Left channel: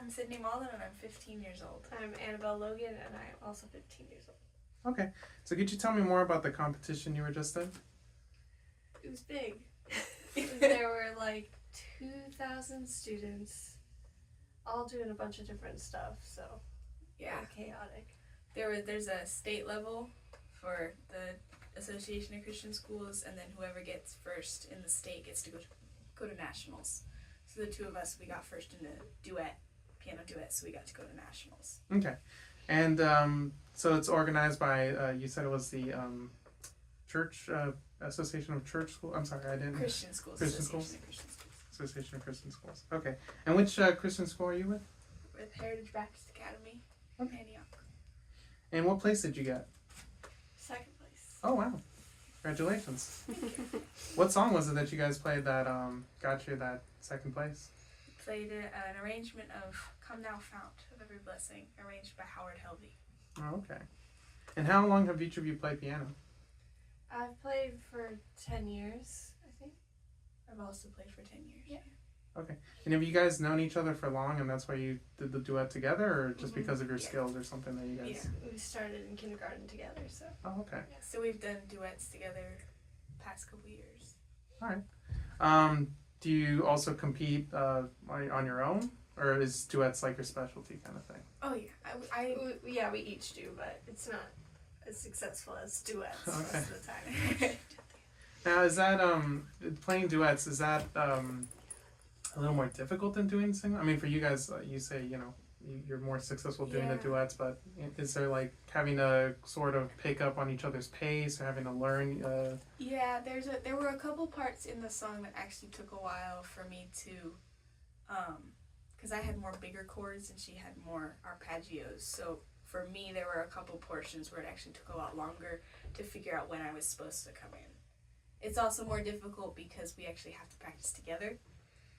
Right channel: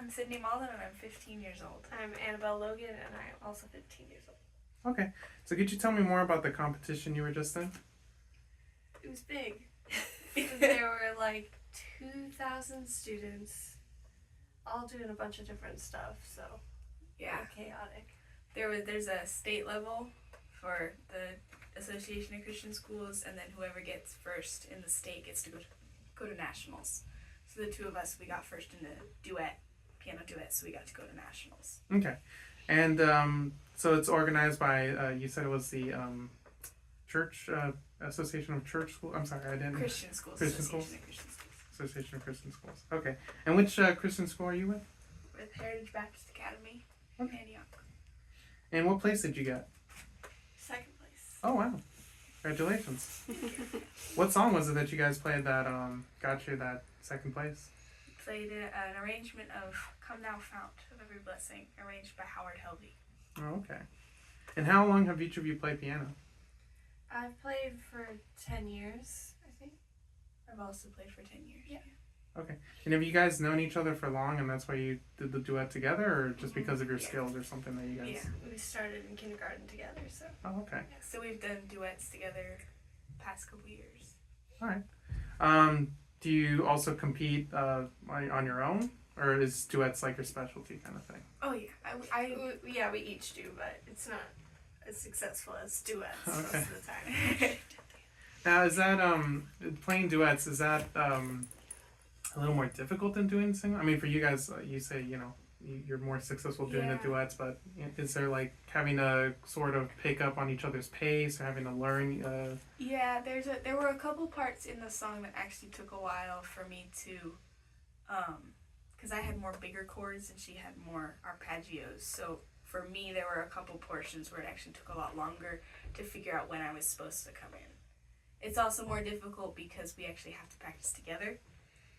I'm Sydney Malden and I'm 15 years old. I'm Annabelle Logan and I'm also 15 years old. Okay, so could you tell me more about the competition you were just in? It was big. There were like 2,000 students all doing a bunch of different stuff, so Yeah. chaotic. There's a state level for the Association of Christian Schools, and then whoever gets first in the state gets to go to nationals. So the two of us, we got first in the piano duet, so we got to go to nationals. Okay, and so it's organized by, you said it was the Church Association of Church Schools. I'm sorry, I didn't. Christian Schools. Christian Association Schools? of Christian Schools. Association of Christian Schools. Okay, and which Christian school are you with? With Heritage Baptist Academy in Antioch. And what place did you get? Second place. Oh wow, congratulations! What song was it that you guys played that got you that second place? Played an arrangement of "Come Thou Fount of Every Blessing," arranged by Howard Helvey. Oh, okay. And how long have each of you played piano? I've played for 10 years, I think. I've also played for 10 years. Yeah. Okay. And have you guys known each other for long, and that's why you did the duet together, or just because of your skills or something that you guys? Yeah, we started in kindergarten together, so. Oh, okay. Yeah, so we've done duets together past couple years. All right. Do you also compete on your own, or is duets like your specialty kind of thing? Oh yeah, Yeah, we each do, but it's not as successful as duets most Okay. of the time. Now, is that playing duets? Is that a little more difficult than doing single? I mean, for you guys, you say you're more successful doing the Yeah. duets, but is there like having to sort of pick up on each other's pace, or having to learn? Yeah, there were a couple parts in the song that actually took a while for me to, because I had more bigger chords and she had more arpeggios. So for me, there were a couple portions where it actually took a lot longer to figure out when I was supposed to come in. It's also more difficult because we actually have to practice together.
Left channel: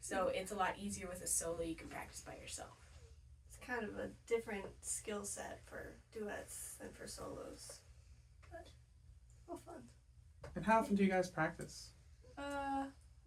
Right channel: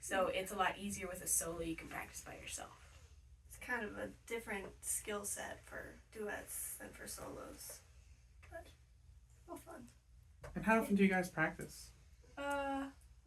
So it's a lot easier with a solo. You can practice by yourself. It's kind of a different skill set for duets than for solos, but still fun. And how often do you guys practice?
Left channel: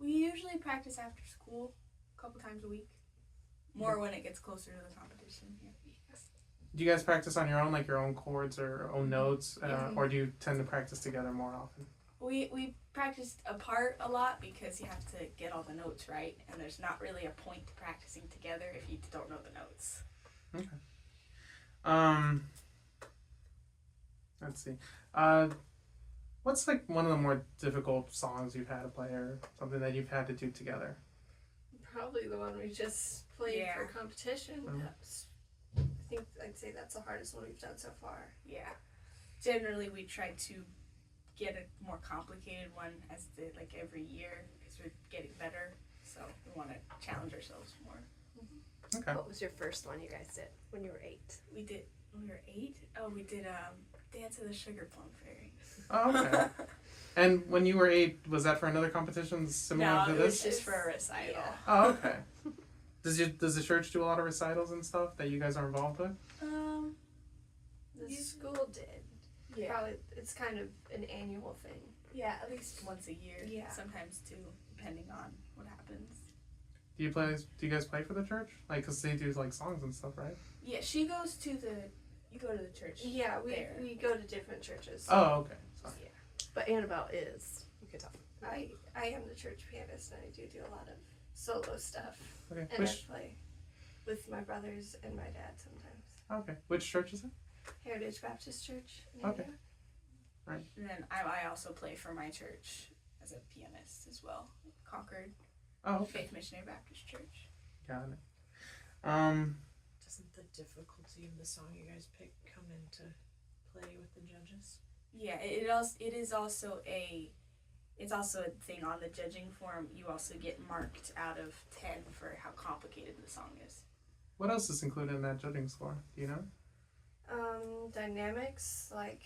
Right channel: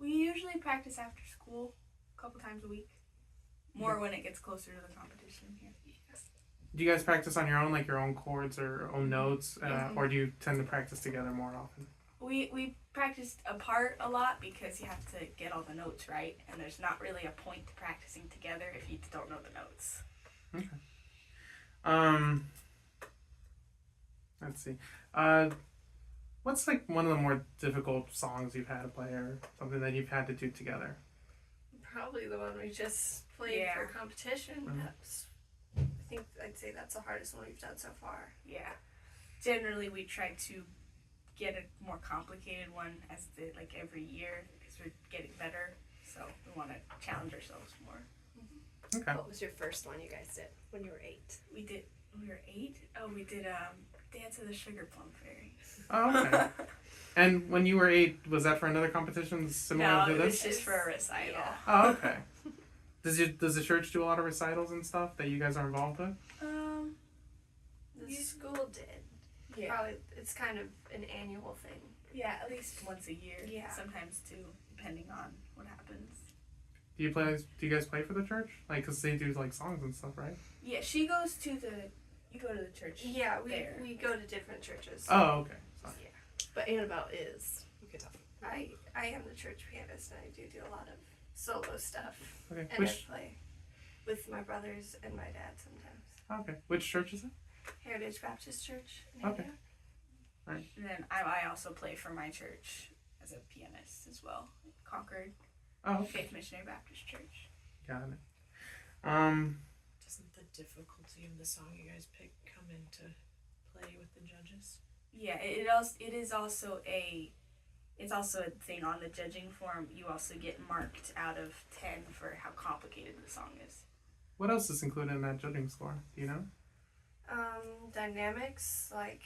We usually practice after school, a couple times a week. More when it gets closer to the competition here. Do you guys practice on your own, like your own chords or own notes, Yeah. or do you tend to practice together more often? We practiced apart a lot because you have to get all the notes right, and there's not really a point to practicing together if you don't know the notes. Okay. Let's see. What's like one of the more difficult songs you've had to play, or something that you've had to do together? Probably the one we just played Yeah. for competition. Mhm. I think I'd say that's the hardest one we've done so far. Yeah. Generally, we try to get a more complicated one every year because we're getting better. So we want to challenge ourselves more. Okay. What was your first one you guys did when you were 8? When we were 8. Oh, we did Dance of the Sugar Plum Fairy. Oh, okay. And when you were 8, was that for another competition similar No, to it was this? just for a recital. Yeah. Oh, okay. Does the church do a lot of recitals and stuff that you guys are involved with? The school did. Yeah. Probably, it's kind of an annual thing. Yeah, at least once a year. Yeah. Sometimes two, depending on what happens. Do you guys play for the church? Like, cause they do like songs and stuff, right? Yeah, you go to the church. Yeah, there. we go to different churches. Oh, okay. So, But Annabelle is. You could tell. I am the church pianist and I do a lot of solo stuff. okay. And I play with my brothers and my dad sometimes. Okay. Which church is it? Heritage Baptist Church in Okay. Antioch. And then I also play for my church as a pianist as well. Concord Oh, okay. Faith Missionary Baptist Church. Got it. Doesn't the difficulty of the song you guys pick come into play with the judges? Yeah, it is also a thing on the judging form. You also get marked out of 10 for how complicated the song is. What else is included in that judging score? Do you know? Dynamics, like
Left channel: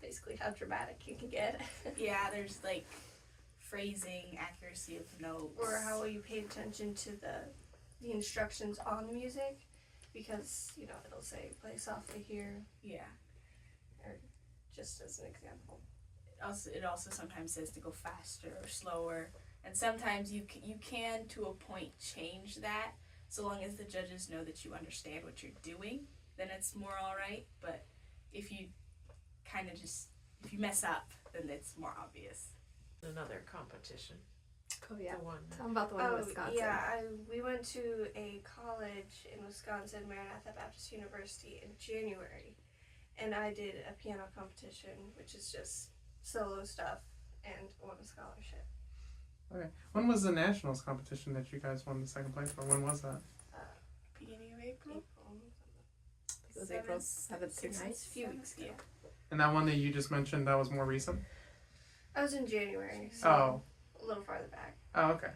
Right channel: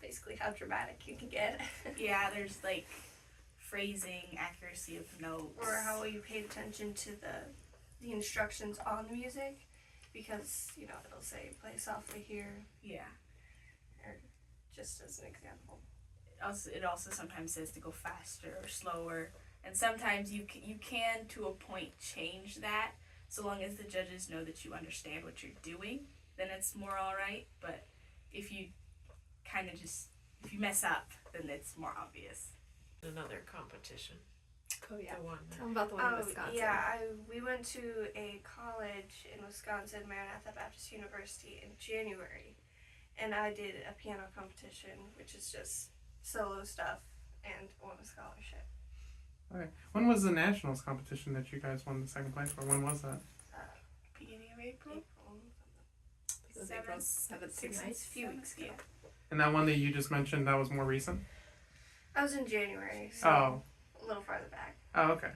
basically how dramatic you can get. Yeah, there's like phrasing, accuracy of notes, Or how you paid attention to the instructions on the music, because it'll say play softly here, Yeah. or just as an example. It also sometimes says to go faster or slower, and sometimes you can to a point change that, so long as the judges know that you understand what you're doing, then it's more alright. But if you kind of just, if you mess up, then it's more obvious. Another competition. Oh yeah. The one. Tell them about the one in Oh Wisconsin. yeah, we went to a college in Wisconsin, Maranatha Baptist University, in January, and I did a piano competition, which is just solo stuff, and won a scholarship. Okay. When was the nationals competition that you guys won the second place for? When was that? Beginning of April? It was April 7th through 9th. It's a few weeks ago. And that one that you just mentioned, that was more recent? I was in January, so Oh. a little farther back. Oh, okay.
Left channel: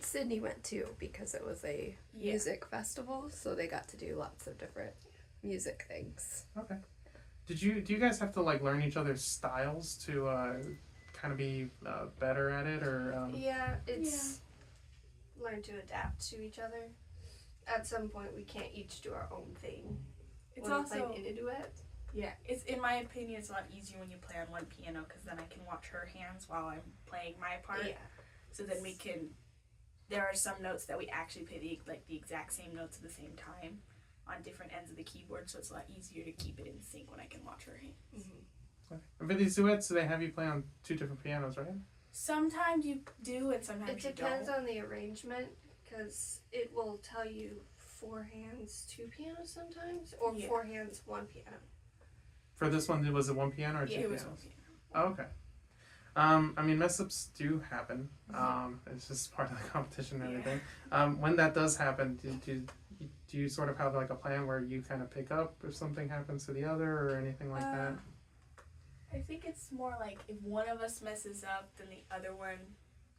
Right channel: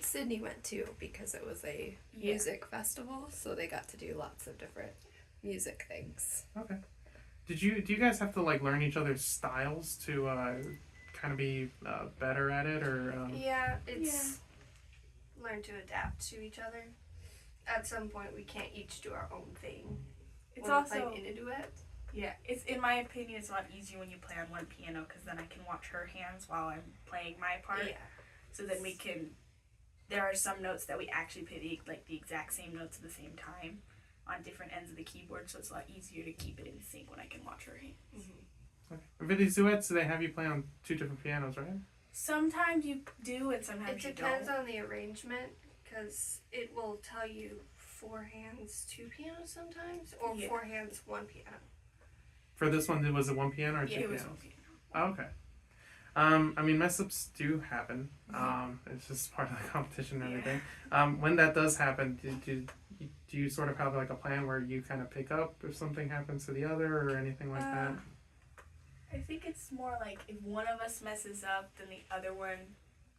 Sydney went too because it was a music festival, so they got to do lots of different music things. Okay. Do you guys have to like learn each other's styles to kind of be better at it, or? Yeah, it's learn to adapt to each other. At some point, we can't each do our own thing. It's When we also, play in a duet. yeah, it's, in my opinion, it's a lot easier when you play on one piano, because then I can watch her hands while I'm playing my part. Yeah. So then we can, there are some notes that we actually play the exact same notes at the same time on different ends of the keyboard, so it's a lot easier to keep it in sync when I can watch her hands. Mm-hmm. For these duets, they have you play on 2 different pianos, right? Sometimes you do, and sometimes It you depends don't. on the arrangement, because it will tell you 4 hands, 2 pianos sometimes, or Yeah. 4 hands, 1 piano. For this one, was it 1 piano or 2 Yeah, it was pianos? one piano. Oh, okay. I mean, mess ups do happen. It's just part of the competition and Yeah. everything. When that does happen, do you sort of have like a plan where you kind of pick up if something happens to the other or anything like that? I think it's more like if one of us messes up, then the other one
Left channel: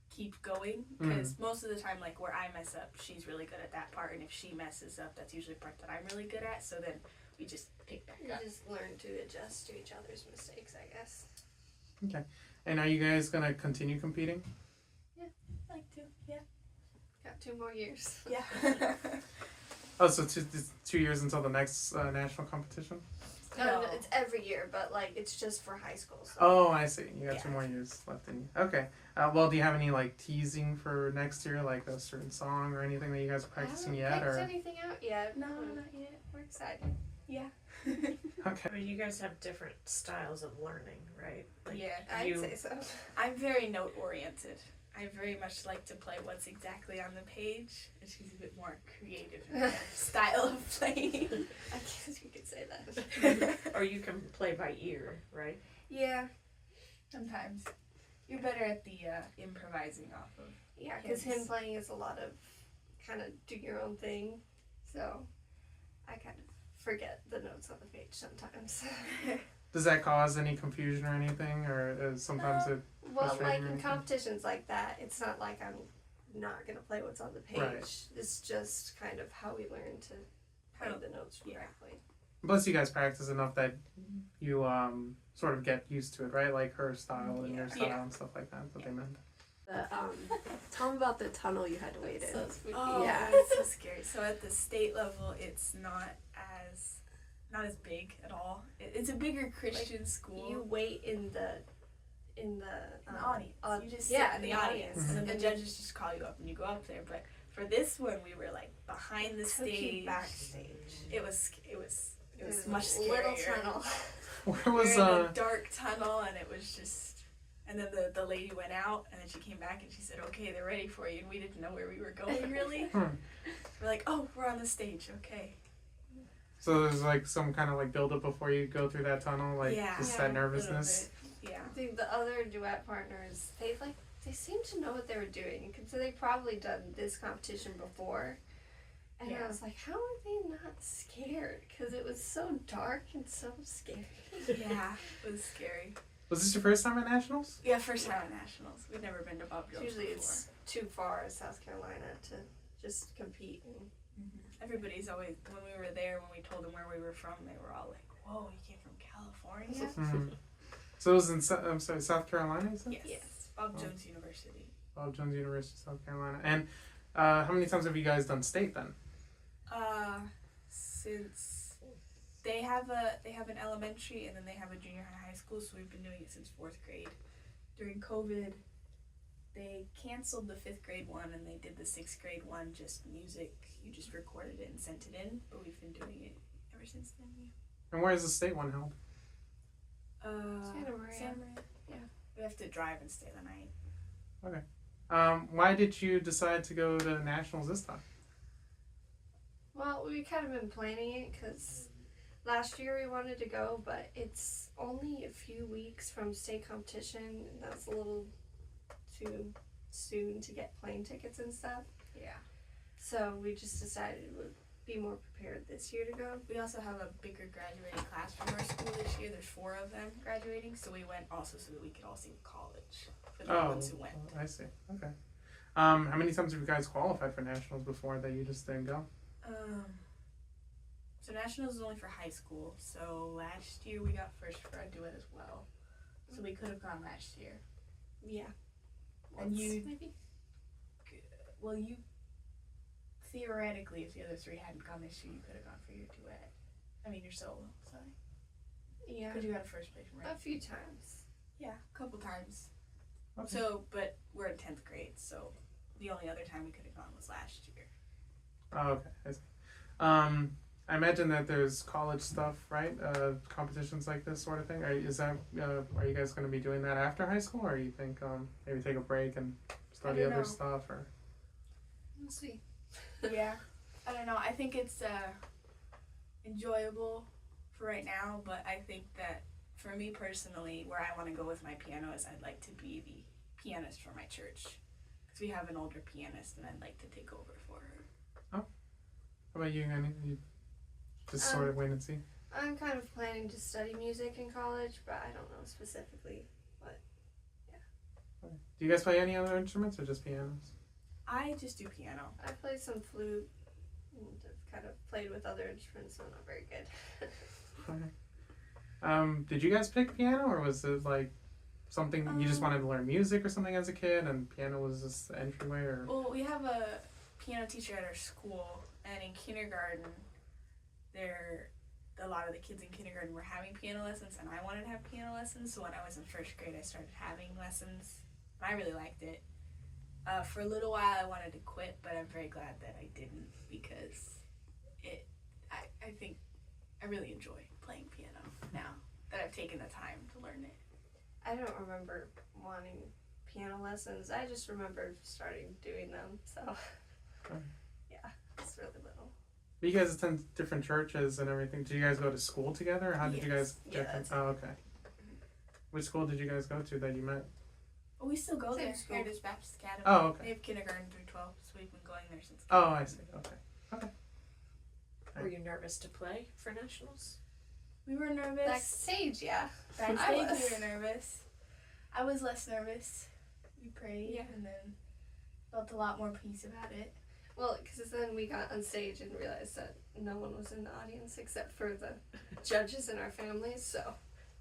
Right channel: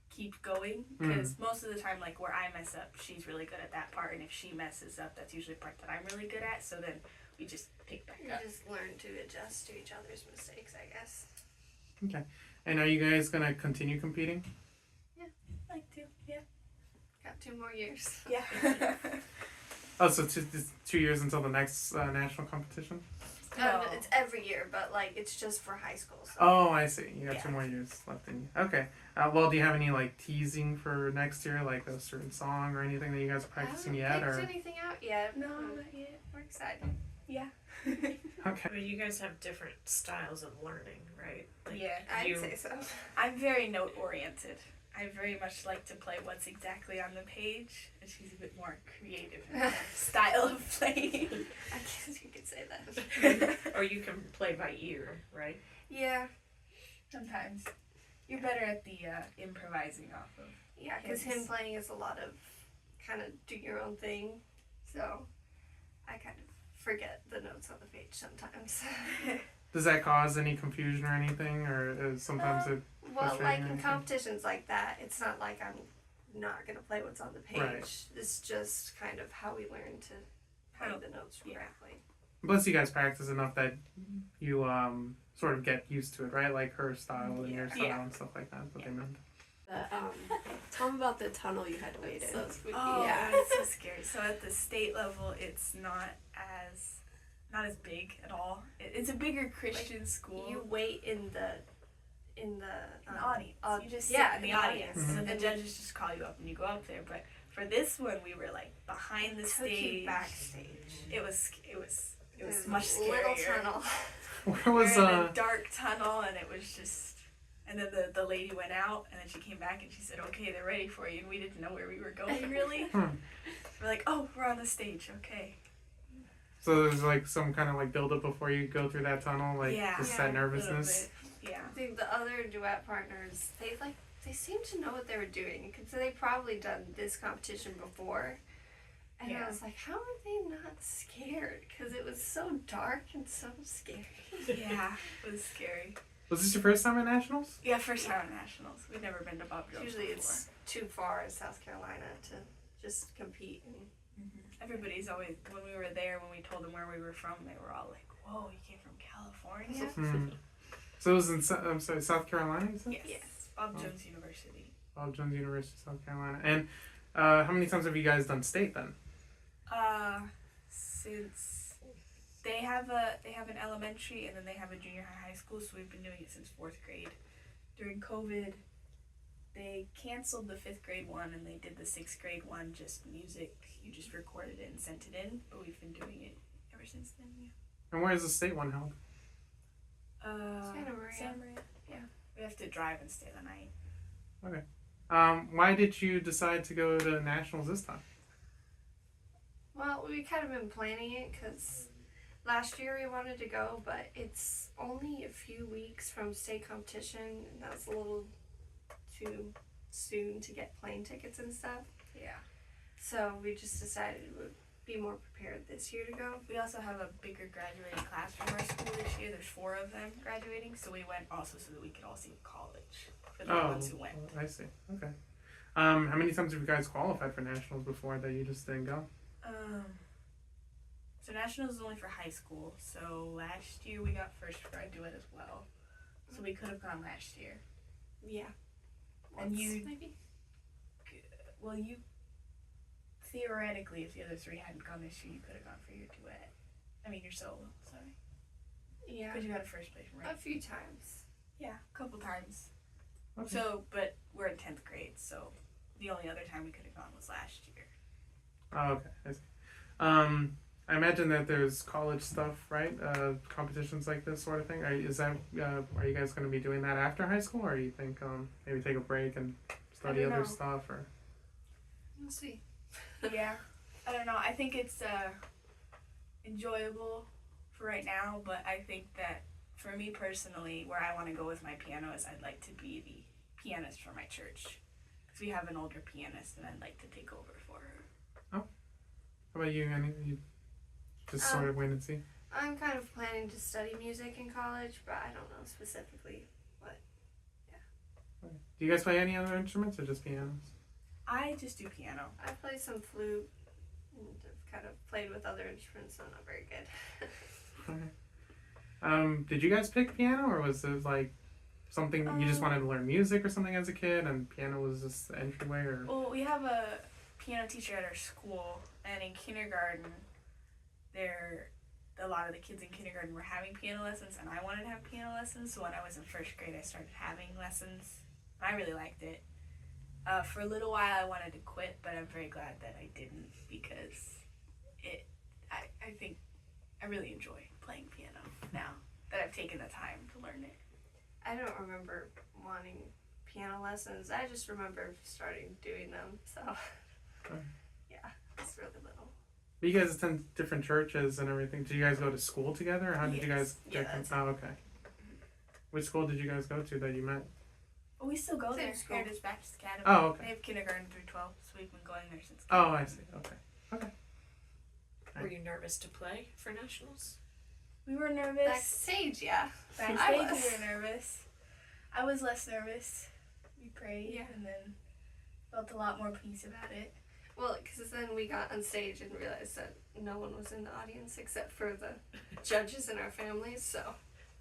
keep going. Because most of the time, like where I mess up, she's really good at that part, and if she messes up, that's usually a part that I'm really good at. So then we just pick back You up. just learn to adjust to each other's mistakes, I guess. And are you guys gonna continue competing? Like to, yeah, Got 2 more years. yeah. Oh, so 2 years until the next national competition? No. It's every year, but like it's just for high school. So. Oh, I see. You got Yeah. 2 more years left in you. Okay. Well, do you have any like teasing for next year, like a certain song or anything that you guys are practicing I yet? haven't Or picked anything out yet. No, but not yet. we're excited. Yeah. okay. I mean, you guys have different styles of learning, right? Like, Yeah. I'd you- say so. I'm very note oriented. I very much like to play what's exactly on the page, and she's a bit more creative in her style of playing. I guess you could say that. Or you can play by ear, right? Yeah, Sometimes. You're better at the improvising off of. yeah, because him Yes. playing is a lot of kind of do your own thing, so I kind of forget the notes on the page sometimes. Does that cause any confusion or anything, or is sometimes it? Well, Frustrating like or in anything? competitions like that, it's not like I'm not gonna play what's on the page. Right. It's just kind of how we learn to play How- the notes yeah. correctly. Plus, you guys practice enough that you sort of get used to it, right? Like her style and your Yeah. style Yeah. and stuff like that. That's what they meant. Tell them about the tunnel you had to wait in. So spooky. Oh, Yeah. it's so scary. So at the state level, it's not as big at all. It's a bigger Christian school. You wait in the in the audience. au- You just yeah, sit in the audience, Mhm. and then the And judges just call you up and you go up there. But for this one, we were like behind the took stage. you backstage. It was There's much a little scarier. tunnel. Where We were was in a dark tunnel, and it was just. And then the lady went out, and then she came back, and she said, "Okay, they're ready for you." And we didn't know where we were going really. We're like, "Oh, we're on the stage. Okay." So there's like some kind of like build up before you go through that tunnel, like Yeah. just Yeah, that a little nervousness. Yeah. I think the other duet partners, they seemed to know what they were doing because they probably done this competition before. And I Yeah. was like, how are they not scared? Because it was so dark and so scary. Yeah, it was scary. Was this your first time at nationals? Yeah, first time at nationals. We've never been to Bob Jones Usually before. it's too far in South Carolina to just compete. And Everybody's always, when we were there, when we told them where we were from, they were all like, "Whoa, you came from California?" Mm. So it was in South Carolina, you said? Yes. Bob Oh. Jones University. Bob Jones University, South Carolina. And how many times have you guys done state then? Since they have an elementary and then they have a junior high school, so we've been doing it since 4th grade. During COVID, they canceled the 5th grade one and they did the 6th grade one, just music you just recorded it and sent it in, but we've been doing it ever since then. And where is the state one held? Santa Maria. Santa Maria. Yeah. We have to drive and stay the night. Why did you decide to go to nationals this time? Well, we kind of been planning it because last year we wanted to go, but it's only a few weeks from state competition, and that's a little too soon to get plane tickets and stuff. Yeah. So we just decided we would be more prepared this year to go. We also have a bigger graduating class from our school this year. There's 4 of them graduating, so we went also so that we could all see the college for the ones who went. I see. Okay. How many times have you guys qualified for nationals before that you just didn't go? So nationals is only for high school. So last year we got first for our duet as well. So we could have gone last year. Yeah. And you, maybe? well, you theoretically, if the other 3 hadn't gone this year, you could have gone for your duet. I mean your solo. Sorry. Yeah. Because you got a first place, right? A few times. Yeah, a couple times. Okay. So, but we're in 10th grade, so the only other time we could have gone was last year. Oh, okay. I see. I imagine that there's college stuff, right? Competitions like this sort of thing. Are you guys going to be doing that after high school, or you think maybe take a break and study don't other know. stuff, or? We'll see. Yeah, I don't know. I think it's enjoyable for right now, but I think that for me personally, where I want to go with my piano is I'd like to be the pianist for my church. Because we have an older pianist, and I'd like to take over for her. How about you, Annie? You just sort of wait and see? I'm kind of planning to study music in college, but I don't know specifically. Do you guys play any other instruments or just pianos? I just do piano. I play some flute and I've kind of played with other instruments, so I'm not very good. Okay. Did you guys pick piano, or was it like something you just wanted to learn music or something as a kid, and piano was just the entryway, or? Well, we have a piano teacher at our school, and in kindergarten, a lot of the kids in kindergarten were having piano lessons, and I wanted to have piano lessons. So when I was in first grade, I started having lessons. I really liked it. For a little while, I wanted to quit, but I'm very glad that I didn't, because I think I really enjoy playing piano now that I've taken the time to learn it. I don't remember wanting piano lessons. I just remember starting doing them. So, yeah, it's really little. You guys attend different churches and everything. Did you guys go to school together, or how did you guys? Yeah, that's it. Oh, okay. Which school did you guys go to that you met? Well, we still go Same there. school. Heritage Baptist Academy. Oh, okay. They have kindergarten through 12, so we've been going there since. Oh, I see. Okay. Were you nervous to play for nationals? We were nervous. Backstage, yeah. Backstage, I we was. were nervous. I was less nervous. We prayed, Yeah. and then felt a lot more peace about it. Well, because then we got on stage and realized that no one was in the audience except for the judges and our families, so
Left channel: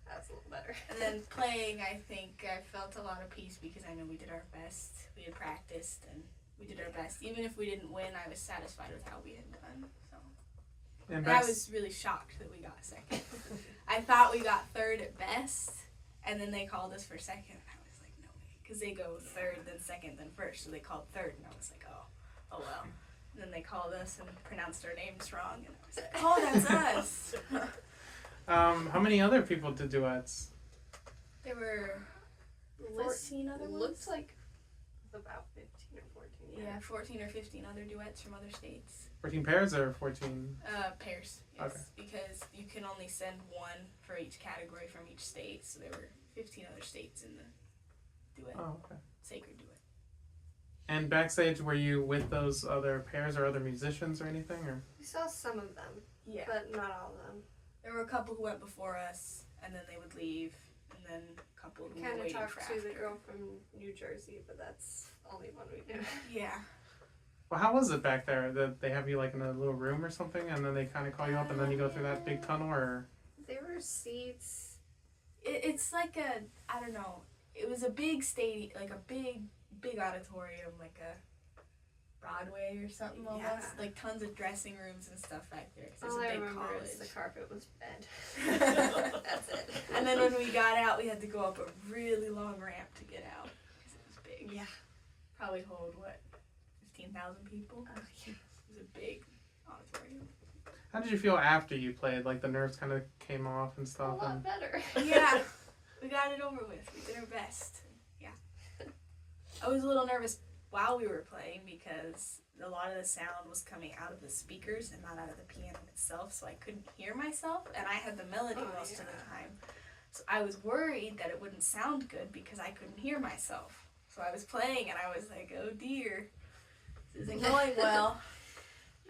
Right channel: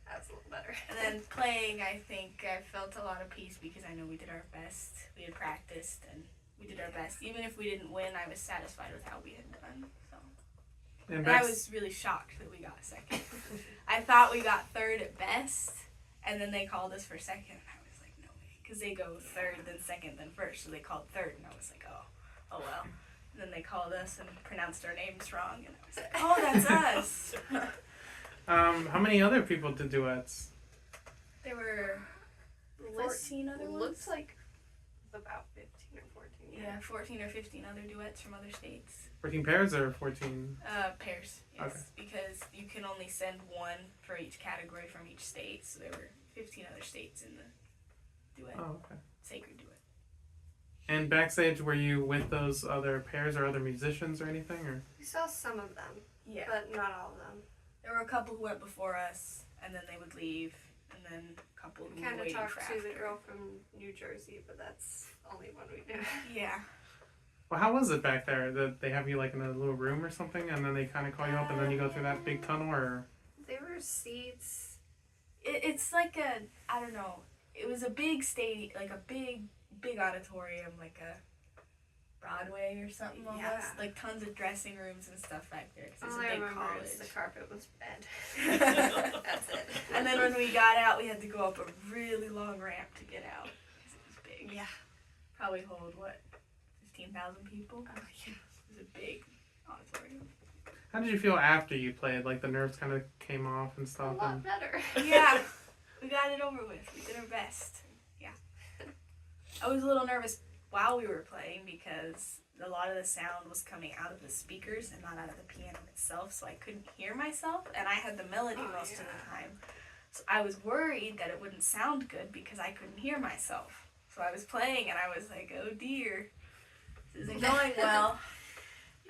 that's a little better. And then playing, I think I felt a lot of peace because I know we did our best. We had practiced, and we did our best. Even if we didn't win, I was satisfied with how we had done. So. And I was really shocked that we got second. I thought we got third at best, and then they called us for second. And I was like, no way, because they go third, then second, then first. So they called third, and I was like, oh well. And then they called us and pronounced our names wrong, and I was like, oh, that's us. How many other people did duets? There were 14 other ones. Looks like about 15 or 14. Yeah, 14 or 15 other duets from other states. 14 pairs or 14? Pairs, yes. Okay. Because you can only send one for each category from each state, so there were 15 other states in the duet, Oh, okay. sacred duet. And backstage, were you with those other pairs or other musicians or anything, or? We saw some of them, Yeah. but not all of them. There were a couple who went before us, and then they would leave, and then a couple who Kind of waited talked for to the after. girl from New Jersey, but that's only one we knew. Yeah. Well, how was it back there? That they have you like in a little room or something, and then they kind of call you up, and then you go through that big tunnel, or? There were seats. It's like I don't know. It was a big stadium, like a big auditorium, like a Broadway or something almost. Yeah. Like tons of dressing rooms and stuff back there. 'Cause it's All a I big remember college. is the carpet was red. That's it. And then when we got out, we had to go up a really long ramp to get out. 'Cause it was big. Yeah. Probably hold, what, 15,000 people? Oh, yeah. It was a big How did you feel after you played? Like the nerves kind of came off and A stuff. lot And better. Yeah, we got it over with. We did our best. Yeah. I was a little nervous while we were playing because a lot of the sound was coming out of the speakers and not out of the piano itself, so I couldn't hear myself, and I had the melody most of the time. So I was worried that it wouldn't sound good because I couldn't hear myself. So I was playing and I was like, oh dear, this isn't going well.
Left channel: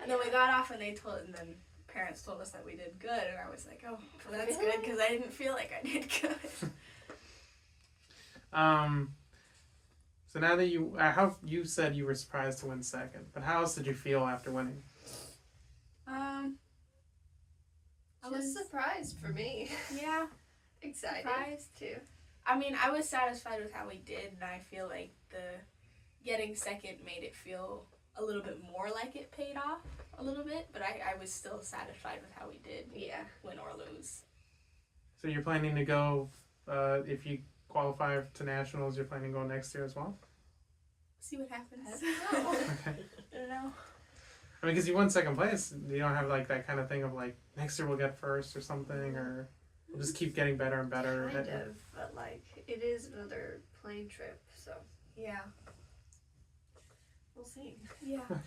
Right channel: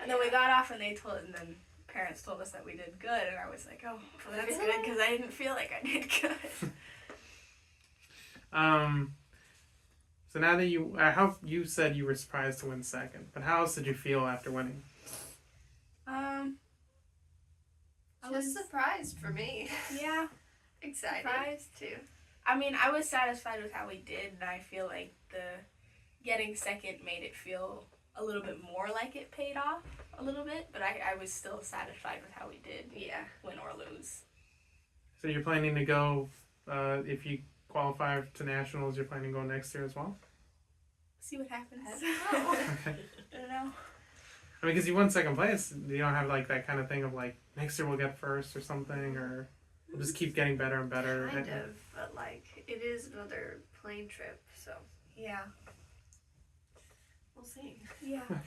And then we got off and and then parents told us that we did good, and I was like, oh, well, that's good because I didn't feel like I did good. So now that how you said you were surprised to win second, but how else did you feel after winning? I Just was surprised for me. yeah. Excited Surprised? too. I mean, I was satisfied with how we did, and I feel like the getting second made it feel a little bit more like it paid off a little bit, but I was still satisfied with how we did, Yeah. win or lose. So you're planning to go, if you qualify to nationals, you're planning to go next year as well? See what happens. I don't know. Okay. I don't know. I mean, because you won second place, you don't have like that kind of thing of like next year we'll get first or something, or we'll just keep getting better and better. Kind of, but like it is another plane trip, so Yeah. we'll see. Yeah. Okay.